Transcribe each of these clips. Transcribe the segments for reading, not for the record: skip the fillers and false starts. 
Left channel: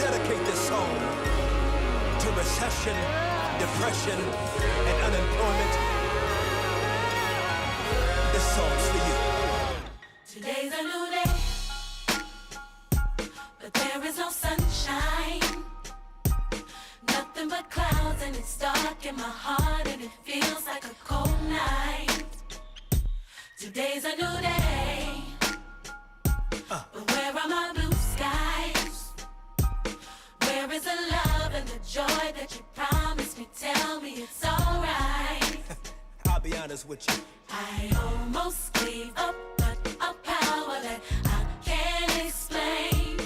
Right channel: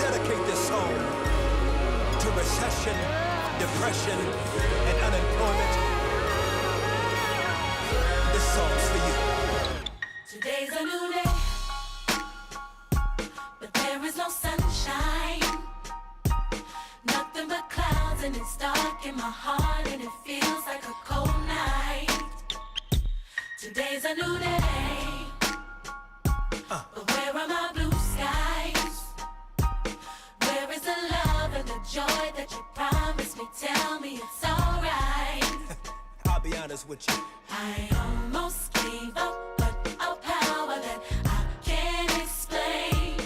dedicate this song to recession, depression, and unemployment. This song's for you. Today's a new day, but there is no sunshine. Nothing but clouds, and it's dark in my heart, and it feels like a cold night. Today's a new day, but where are my blue skies? Where is the love and the joy that you promised me? Tell me it's alright. I'll be honest with you. I almost gave up, but a power that I can't explain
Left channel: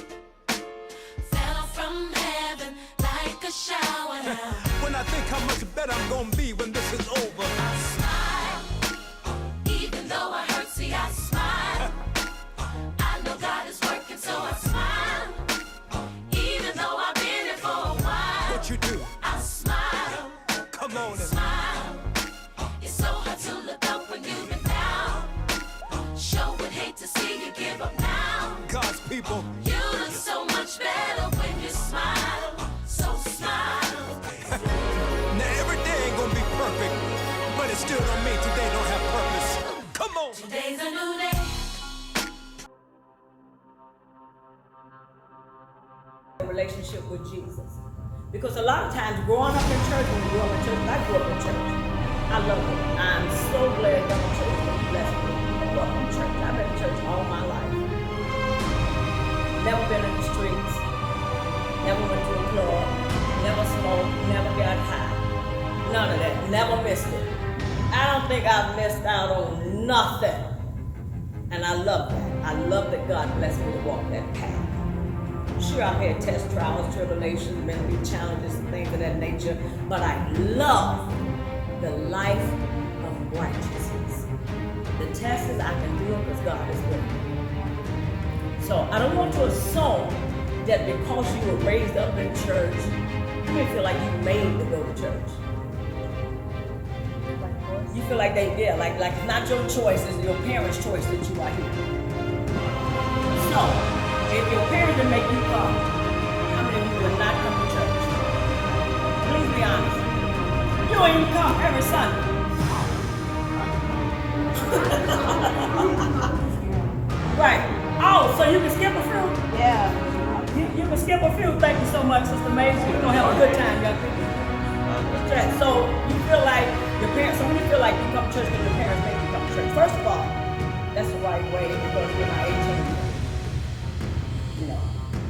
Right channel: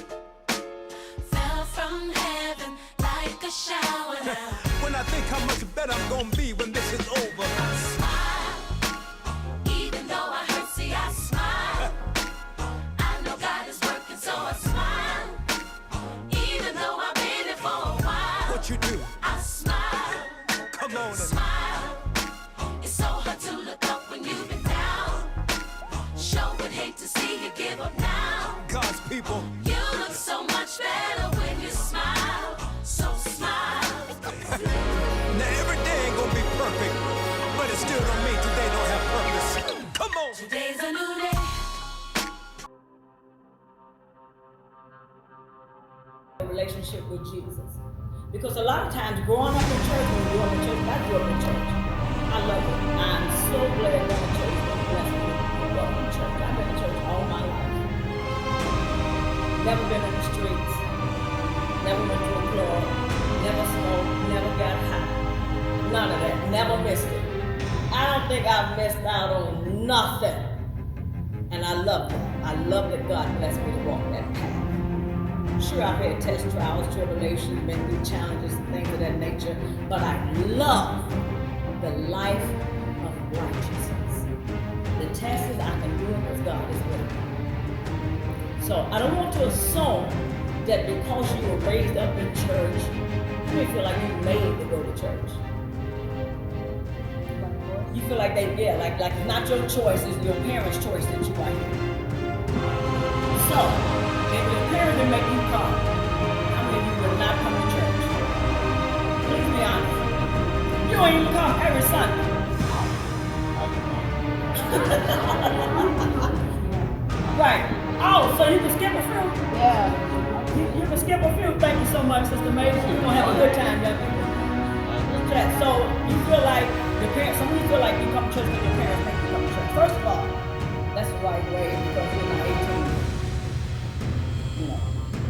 fell from heaven like a shower now. When I think how much better I'm gonna be when this is over. I smile, even though I hurt, see I smile. I know God is working, so I smile. Even though I've been here for a while. What you do? I smile. Come on and Smile. It's so hard to look up when you've been down. Sure would hate to see you give up now. God's people. You look so much better when you smile. So smile. Now every day ain't gonna be perfect, but it still don't mean today don't have purpose. Come on. Today's a new day. Relationship with Jesus. Because a lot of times growing up in church, when we grew up in church, I grew up in church. I love it. I'm so glad going to church was blessed me. I grew up in church. I've been in church all my life. Never been in the streets. Never went to a club. Never smoked. Never got high. None of that. Never missed it. I don't think I've missed out on nothing. And I love that. I love that God blessed me to walk that path. Sure, I've had test trials, tribulations, been through challenges and things of that nature, but I love the life of righteousness. The test is I can do it because God is with me. So I don't want to assume that because you were raised up in church, you may feel like you made to go to church. You feel like like it's not your choice, it's your parents' choice that you are here. So, if your parents didn't make you come, how many of you will not come to church? Please be honest. You don't even come every Sunday. Right. Oh, so you can skip a few? Yeah. You can skip a few. Thank you so much, Sister Maisie. We're going to have a good time, young people. So you feel like your parents, some of you feel like you come to church because your parents make you come to church. First of all, that's the right way because you're not 18 yet. You know,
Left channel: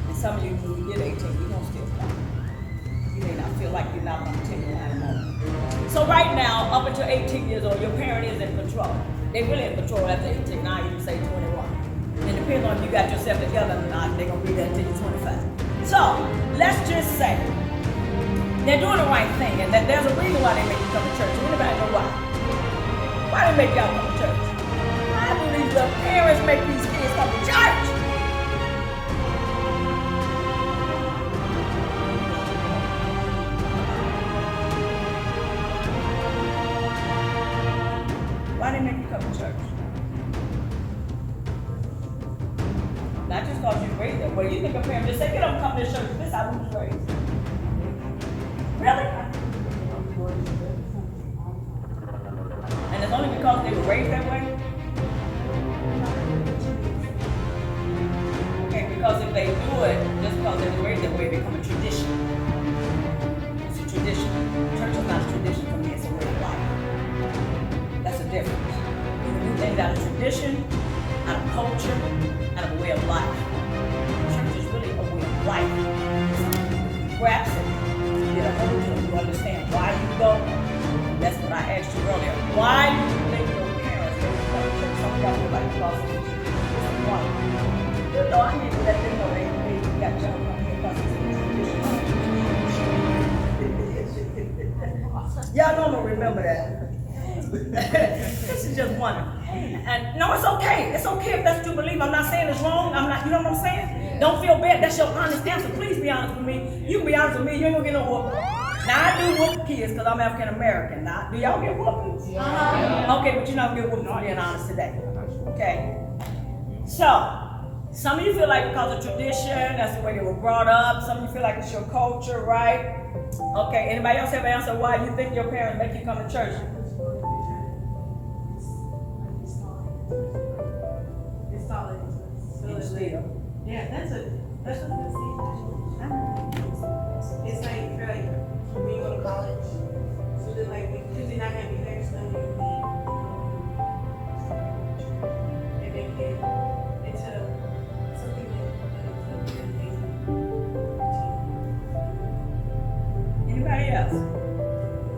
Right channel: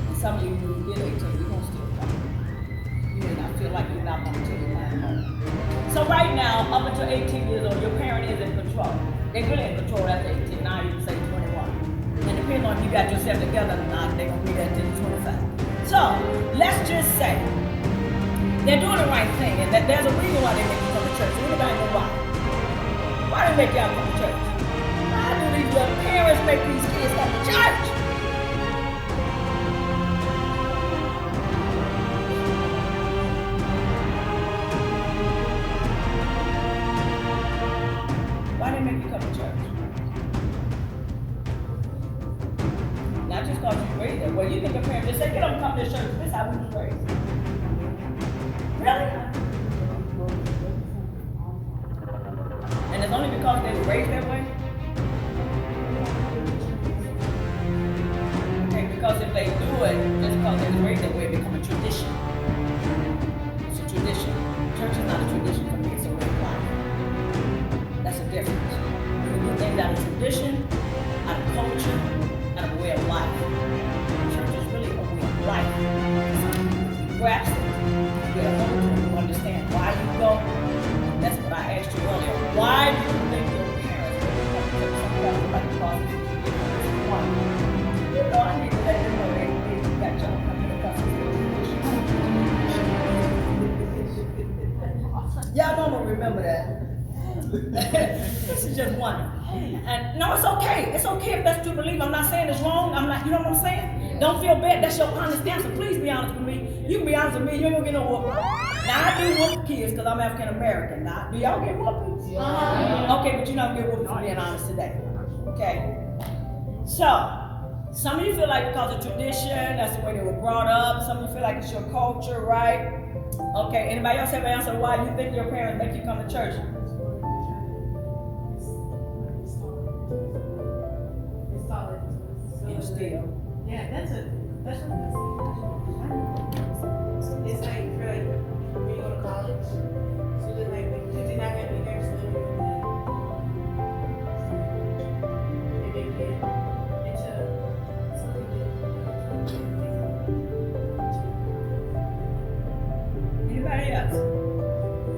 and some of you, when you get 18, you're going to still come. You may not feel like you're not going to take your time home. So right now, up until 18 years old, your parent is in control. They really in control after 18, now you say 21. And depending on if you got yourself together or not, they're going to be there until you're 25. So, let's just say, they're doing the right thing, and that there's a reason why they make you come to church. Anybody know why? Why they make y'all come to church? Why do these little parents make these kids come to church? Why they make you come to church? Not just because you raised that way. You think a parent just say, get up and come to church. This is how we was raised. Really? And it's only because they were raised that way? Okay, because if they do it just because they were raised that way, it becomes a tradition. It's a tradition. Church is not a tradition for me, it's a way of life. That's the difference. You can do things out of tradition, out of culture, out of a way of life. Church is really a way of life. He grabs it. Get a hold of it, you understand why you go. That's what I asked you earlier. Why do you think your parents make you come to church? Some of y'all feel like because it's a tradition. You know, I need to let them know they got y'all come here because it's a tradition. Y'all know I'm gonna remember that. This is just wonderful. And no, it's okay. It's okay if that's what you believe. I'm not saying it's wrong. I'm not, you know what I'm saying? Don't feel bad. That's your honest answer. Please be honest with me. You can be honest with me. You ain't gonna get no whooping. Now I do whoop kids because I'm African American. Now, do y'all get whoopings? Yeah. Okay, but you're not gonna get whooping for being honest today. Okay. So Some of you feel like because of tradition, that's the way they were brought up. Some of you feel like it's your culture, right? Okay, anybody else have an answer why you think your parents make you come to church? It's solid. Yeah, that's what I'm saying. It's like when you go to college, so then like because you're not gonna be there, so you'll be, and then get into some people. Anybody else?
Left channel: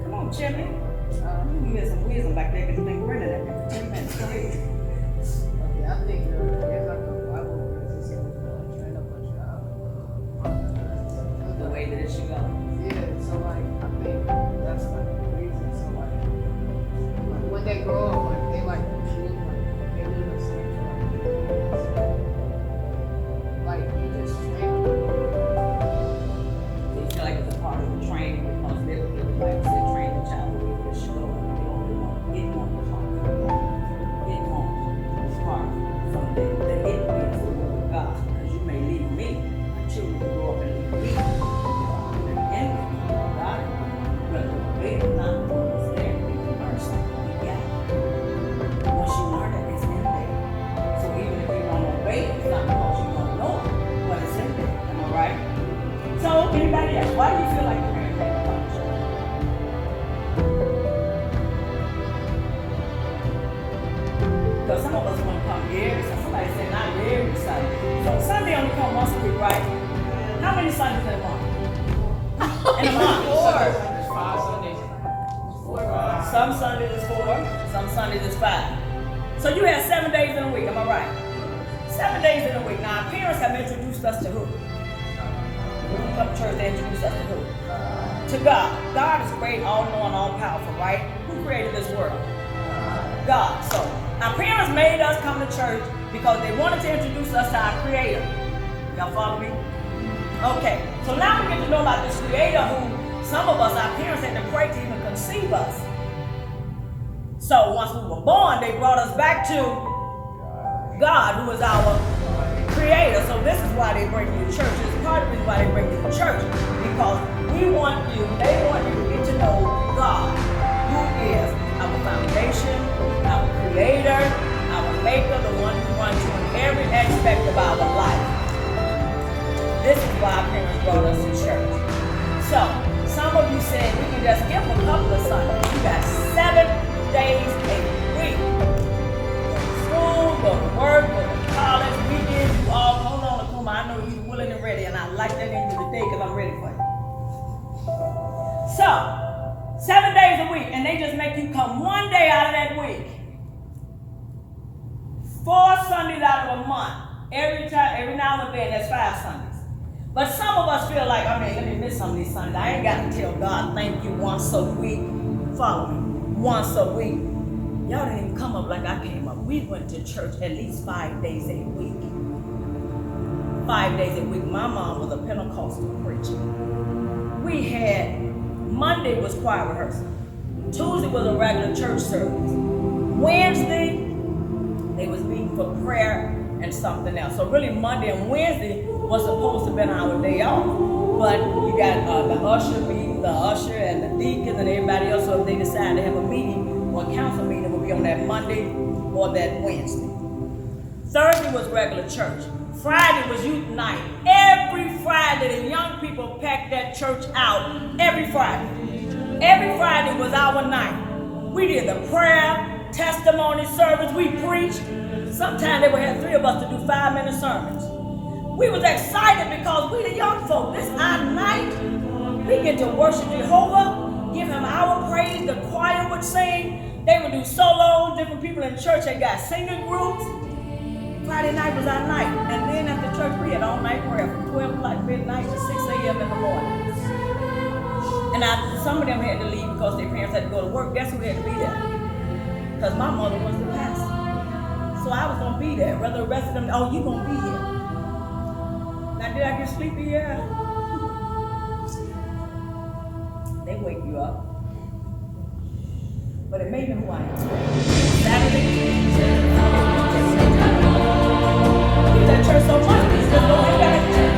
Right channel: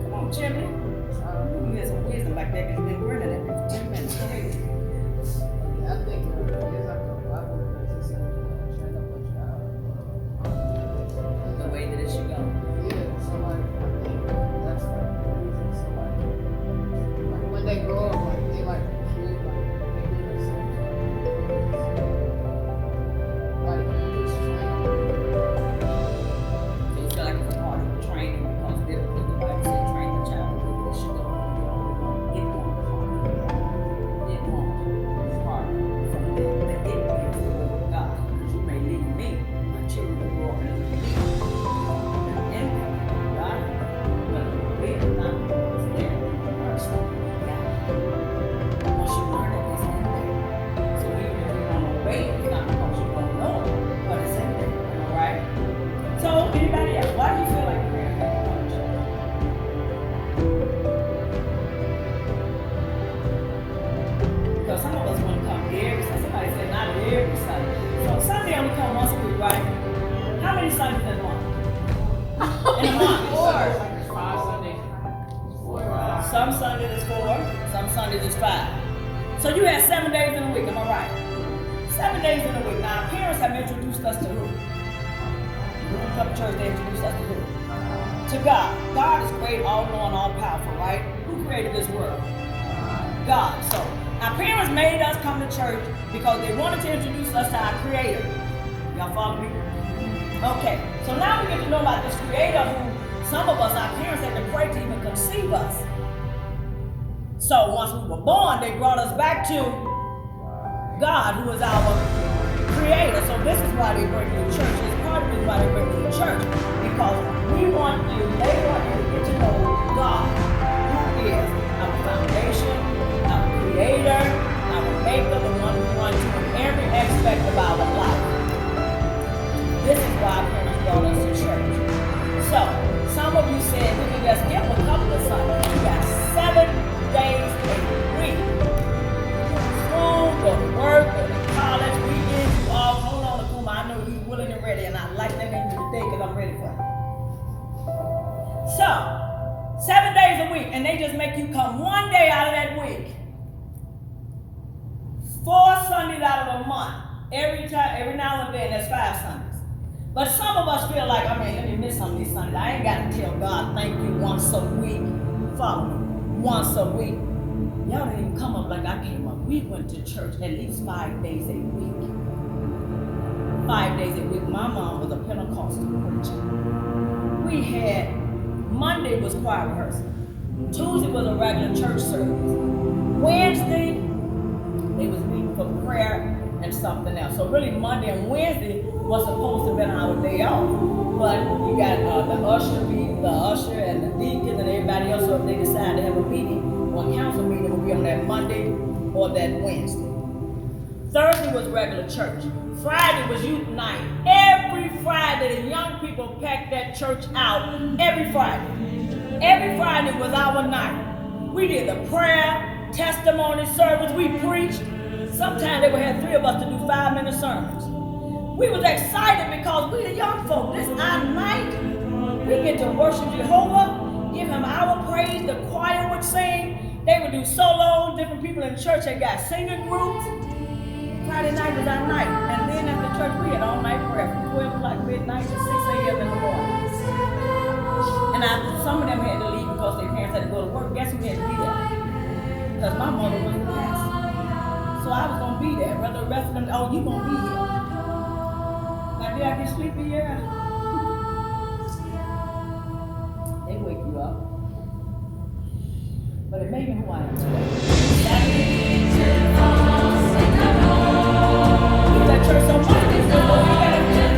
Come on, Jimmy. You had some wisdom back there because you've been grinning at me for 10 minutes. Go ahead. Okay, I think as I go, I will train up a child. The way that it should go. Yeah, so like I think that's like the reason. So like when they grow up, like they like shoot, like they do the same stuff. Like you just train them. So you feel like it's a part of the training because biblically the Bible said train the child the way that it should go. And you only want it won't depart from that. It won't depart from that. That it is the word of God. Because you may lead me until you grow up and lead me. And God, whether you obey it or not, it's there. You learn something. You got it. Once you learn it, it's in there. So even if you don't obey it, it's not because you don't know it, but it's in there. Am I right? So, anybody else? Why do you feel like parents have to come to church? Because some of us want to come every Sunday. Somebody said not every Sunday. So Sunday only come once a week, right? How many Sundays in a month? In a month? 4. There's 5 Sundays. 4. Some Sundays is 4, some Sundays is 5. So you have 7 days in a week, am I right? 7 days in a week. Now, our parents have introduced us to who? When we come to church, they introduce us to who? To God. God is great, all-knowing, all-powerful, right? Who created this world? God. So our parents made us come to church because they wanted to introduce us to our Creator. Y'all follow me? Okay. So now we get to know about this Creator who some of us, our parents had to pray to even conceive us. So once we were born, they brought us back to God, who is our Creator. So this is why they bring you to church. It's part of the reason why they bring you to church. Because they want you to get to know God, who is our foundation, our Creator, our Maker, the one we run to in every aspect of our life. This is why our parents brought us to church. So some of you said we can just skip a couple of Sundays. You got 7 days a week. Go to school, go to work, go to college, weekends, you all, hold on, Akuma, I know you're willing and ready, and I like that in you today because I'm ready for you. So, 7 days a week, and they just make you come 1 day out of that week. 4 Sundays out of a month. Every now and then, that's 5 Sundays. But some of us feel like, let me miss some of these Sundays. I ain't got to tell God thank you once a week. Follow me. Once a week. Y'all didn't even come up like I came up. We went to church at least 5 days a week. 5 days a week. My mom was a Pentecostal preacher. We had, Monday was choir rehearsal. Tuesday was a regular church service. Wednesday, they was meeting for prayer and something else. So really Monday and Wednesday was supposed to have been our day off. But you got the usher and the deacons and everybody else. So if they decide to have a meeting or a council meeting, it will be on that Monday or that Wednesday. Thursday was regular church. Friday was youth night. Every Friday, the young people packed that church out. Every Friday. Every Friday was our night. We did the prayer, testimony service. We preached. Sometimes they would have 3 of us to do 5-minute sermons. We was excited because we the young folk. This our night. We get to worship Jehovah, give him our praise. The choir would sing. They would do solos. Different people in church had got singing groups. Friday night was our night. And then after church, we had all night prayer from 12 o'clock midnight to 6 a.m. in the morning. And some of them had to leave because their parents had to go to work. Guess who had to be there? Because my mother was the pastor. So I was going to be there. Rather the rest of them, you going to be here. Now, did I get sleepy? Yeah. They wake you up. But it made me who I am today. Saturday, we was at church church so much, we just go hang out at the church.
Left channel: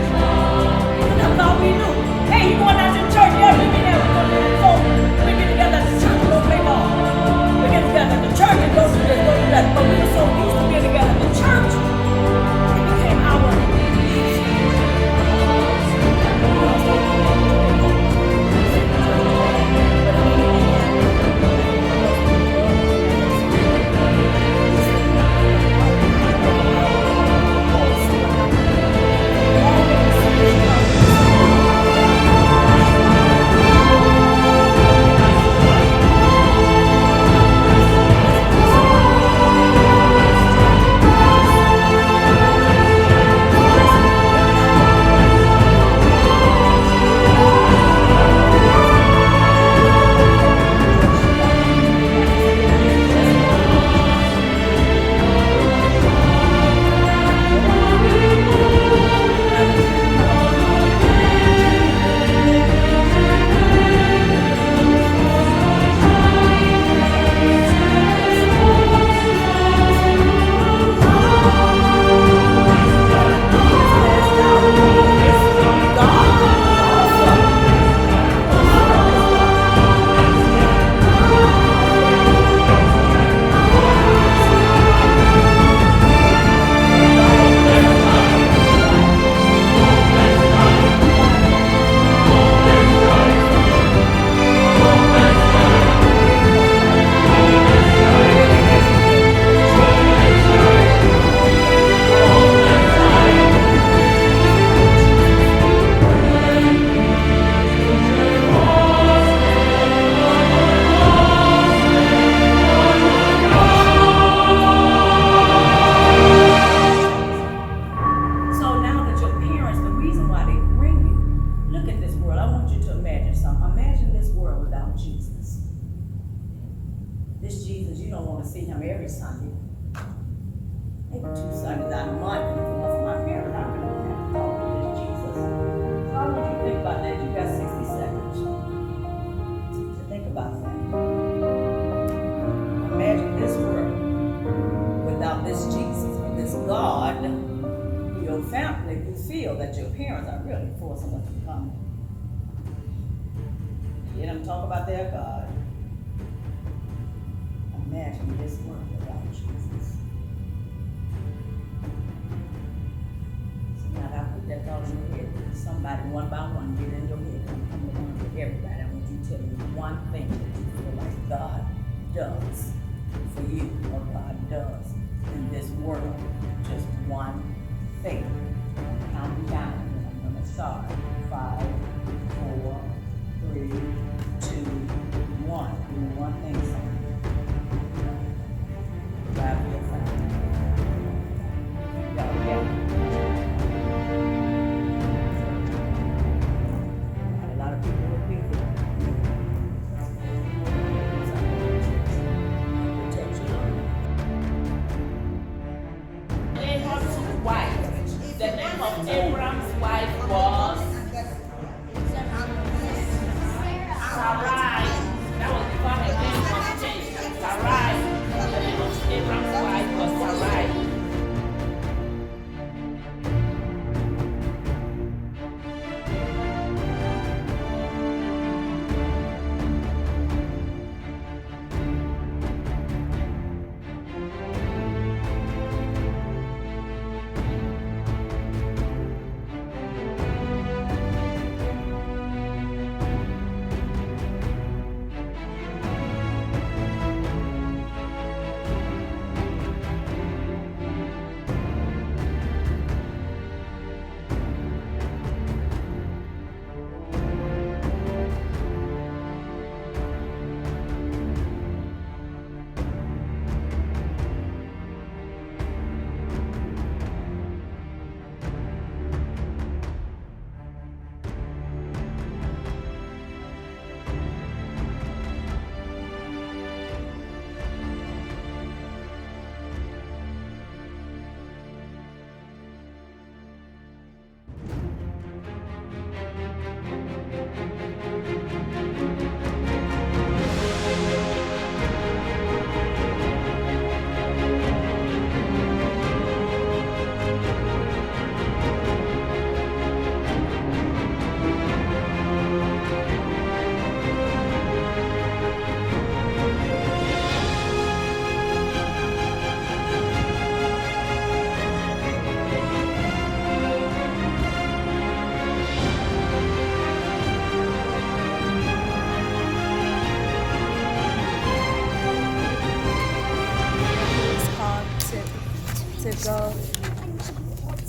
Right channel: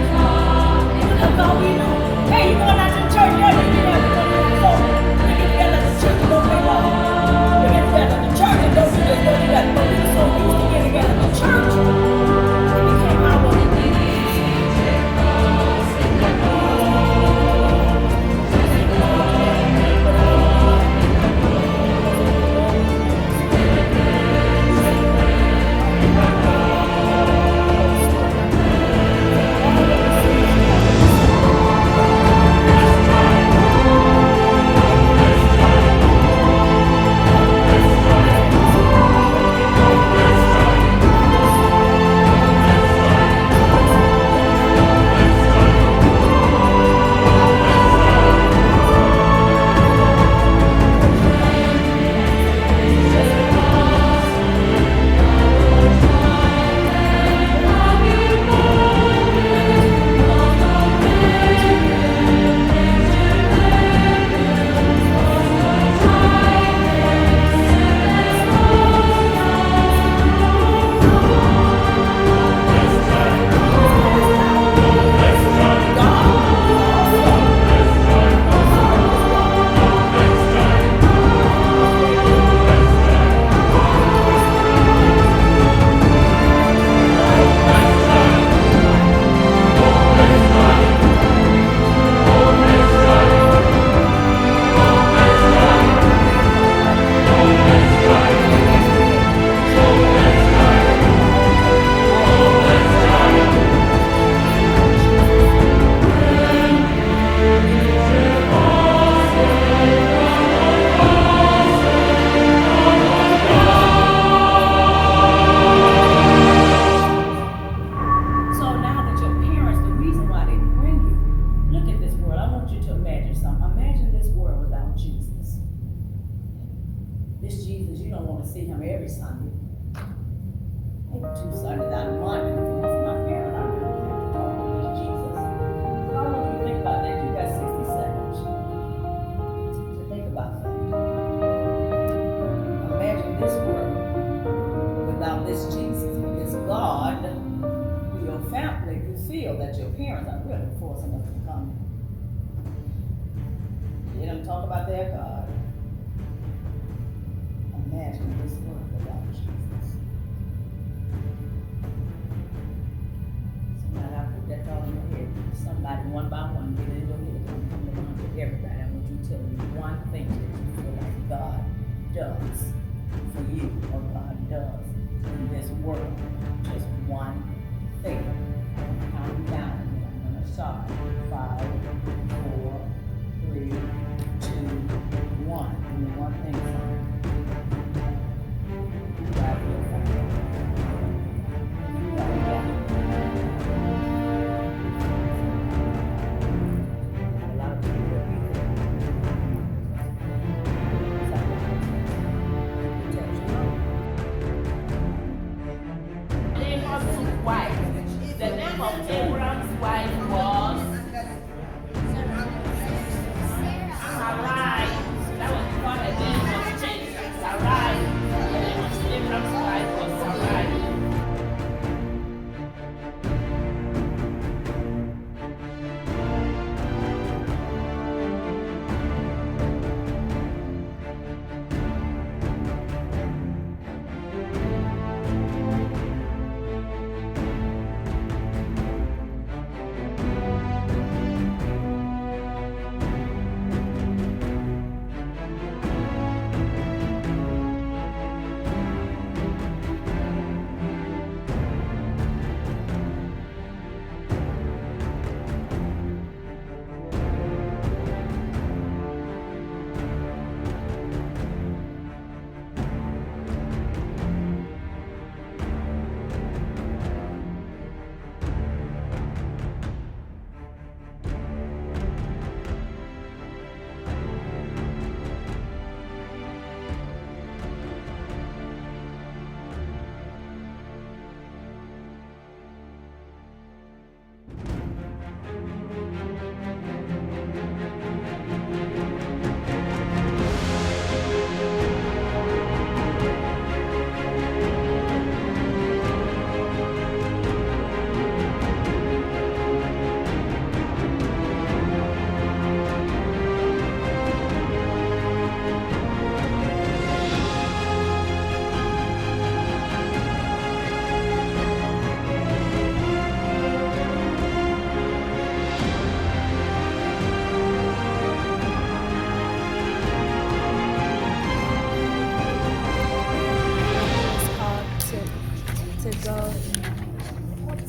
That's all we knew. Hey, you going out to the church? Yeah, we get out. So we get together at the church and go play ball. We get together at the church and go together. But we were so used to getting together at the church, it became our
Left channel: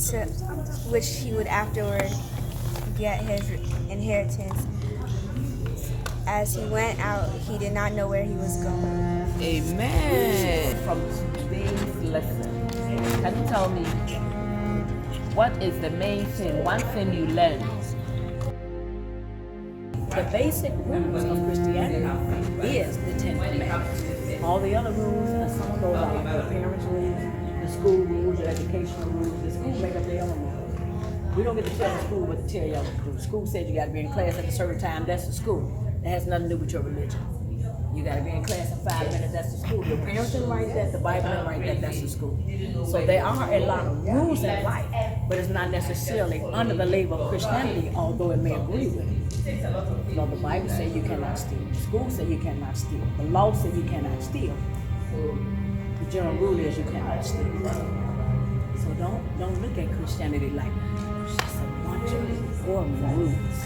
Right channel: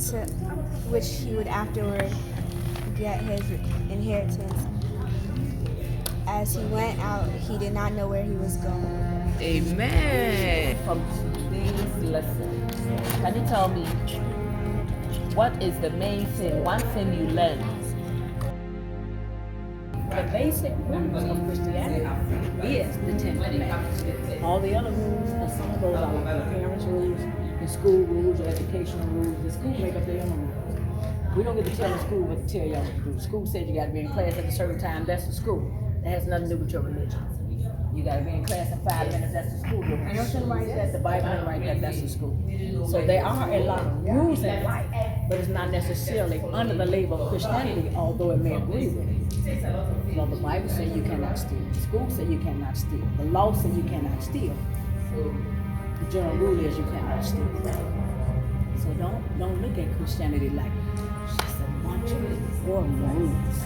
to which he would afterward get his inheritance. As he went out, he did not know where he was going. Amen. From today's lesson, can you tell me what is the main thing, one thing you learned? The basic rules of Christianity is the Ten Commandments. All the other rules, and some of those are like your parents' rules, the school rules, your educational rules. The school make up their own rules. We don't get to tell the school what to tell y'all to do. School says you got to be in class at a certain time. That's the school. That has nothing to do with your religion. You got to be in class in 5 minutes. That's the school. Your parents didn't write that. The Bible didn't write that. That's the school. So there are a lot of rules in life, but it's not necessarily under the label of Christianity, although it may agree with it. You know, the Bible says you cannot steal. The school says you cannot steal. The law says you cannot steal. The general rule is you cannot steal. So don't look at Christianity like it's a bunch of boring rules.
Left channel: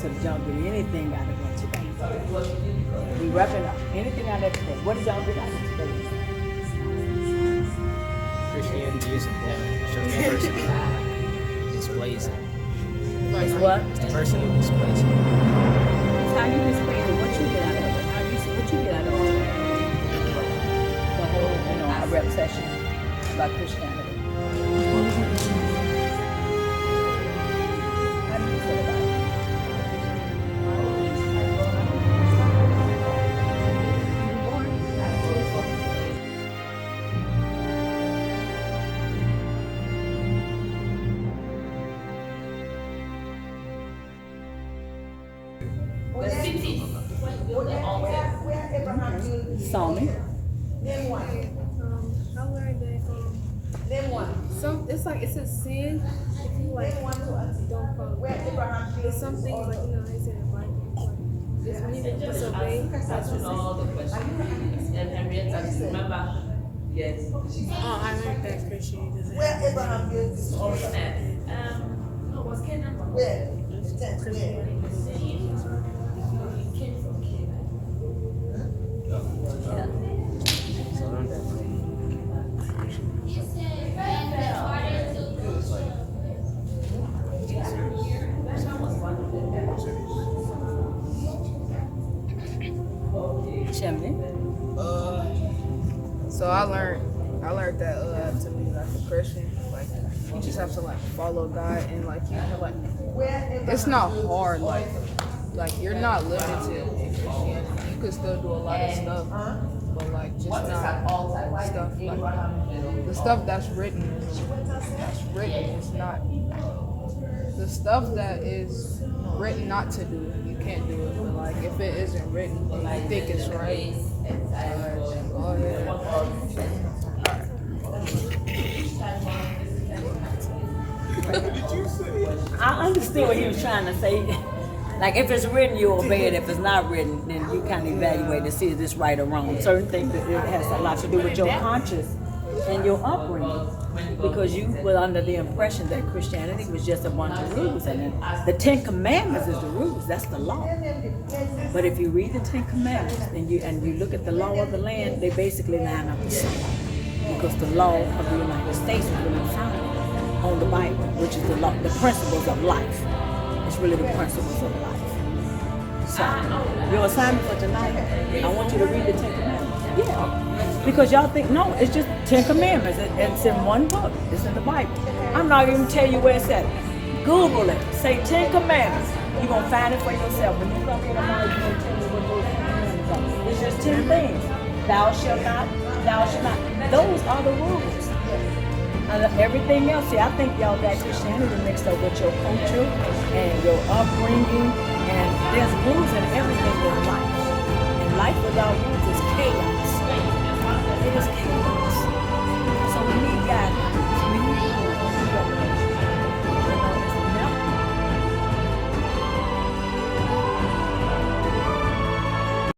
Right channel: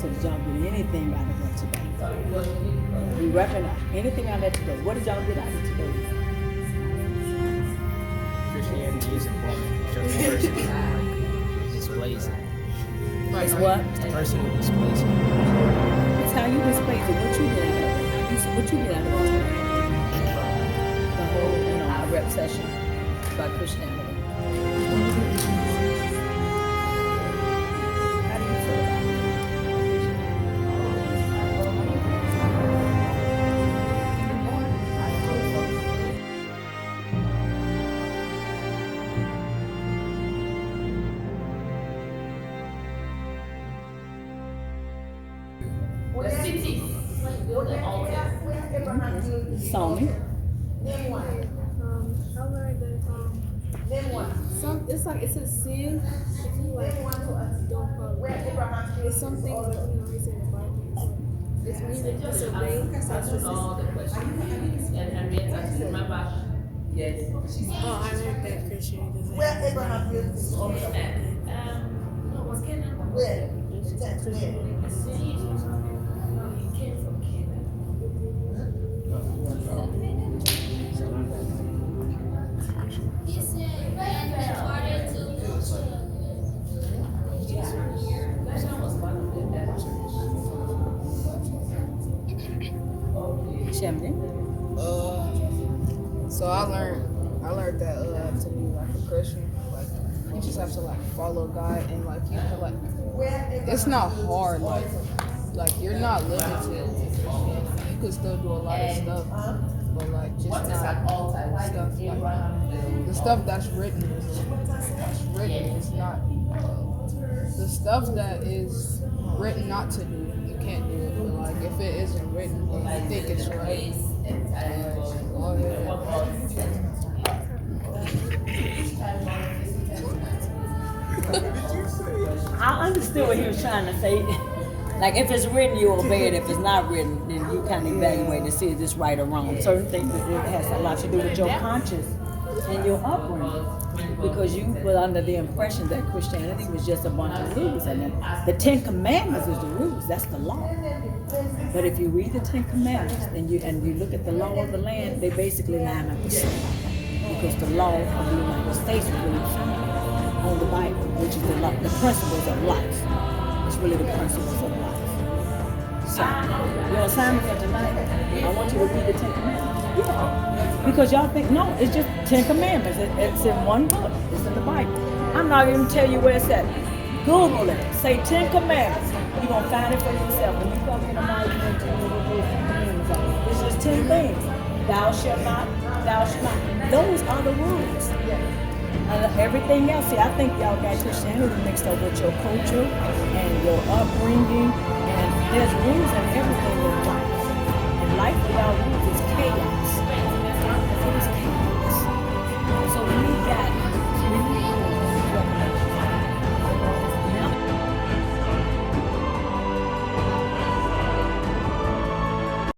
So did y'all get anything out of that today? We wrapping up. Anything out of that today? What did y'all get out of today? Christianity is important. Displays it. It's what? The person who displays it. It's how you display it. What you get out of it? What you get out of it? The whole, our rep session about Christianity. How do you feel about it? Sony. It's like it's a sin if you like don't follow. It's something like how you say in the Bible. It's when you disobey. That's the sin. Oh, I learned that Christianity doesn't have So I learned that to be like a Christian, like you just have to like follow God and like you have like it's not hard like you're not limited in Christianity. You can still do a lot of stuff, but like just not stuff like the stuff that's written is not the stuff that is written not to do. You can't do it, but like if it isn't written, and you think it's right. Go ahead. I understood what he was trying to say. Like if it's written, you obey it. If it's not written, then you kind of evaluate to see if it's right or wrong. Certain things that it has a lot to do with your conscience and your upbringing, because you were under the impression that Christianity was just a bunch of rules, and then the Ten Commandments is the rules. That's the law. But if you read the Ten Commandments and you look at the law of the land, they basically line up the same, because the law of the United States is really founded on the Bible, which is the law, the principles of life. It's really the principles of life. So your assignment for tonight, I want you to read the Ten Commandments. Yeah. Because y'all think, no, it's just 10 Commandments. It's in one book. It's in the Bible. I'm not even tell you where it's at. Google it. Say 10 Commandments. You're going to find it for yourself. When you come in tomorrow, you're going to tell me what those 10 Commandments are. It's just 10 things. Thou shalt not, thou shalt not. Those are the rules. Everything else, see, I think y'all got Christianity mixed up with your culture and your upbringing. And there's rules in everything in life. And life without rules is chaos. It is chaos.